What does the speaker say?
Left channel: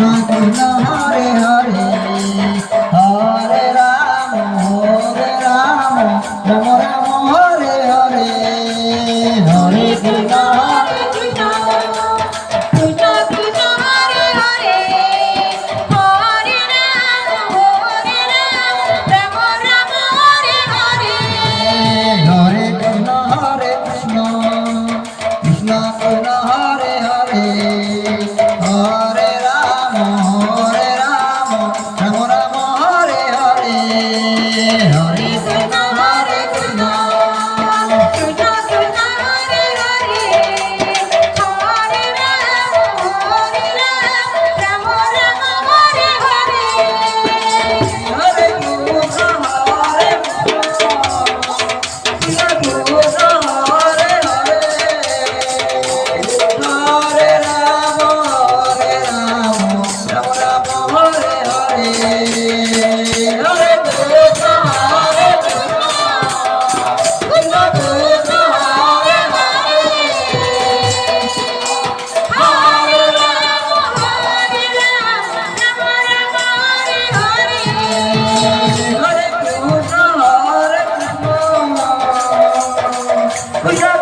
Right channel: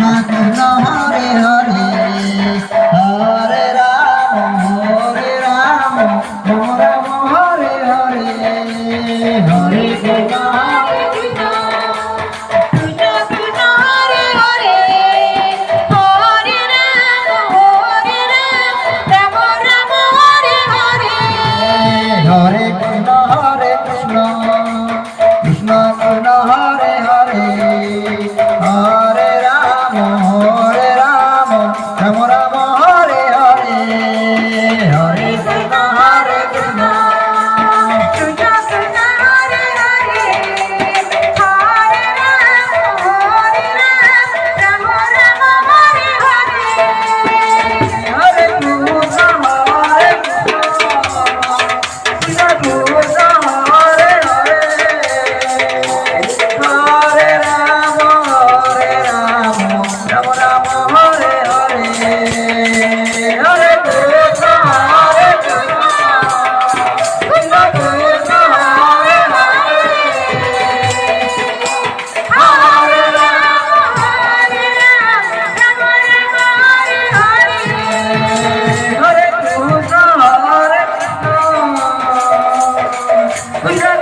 Hare Hare Hare Ram Ram Ram Hare Hare Hare Krishna Hare Krishna Krishna Krishna Hare Hare Hare Ram Ram Hare Hare Hare Krishna Krishna Krishna Hare Hare Hare Ram Ram Ram Hare Hare Hare Krishna Krishna Krishna Krishna Hare Hare Hare Ram Ram Hare Hare Hare Krishna Hare Krishna Krishna Krishna Hare Hare Hare Ram Ram Ram Hare Hare Hare Krishna Hare Krishna Krishna Krishna Hare Hare Hare Ram Ram Ram Hare Hare Hare Krishna Krishna Krishna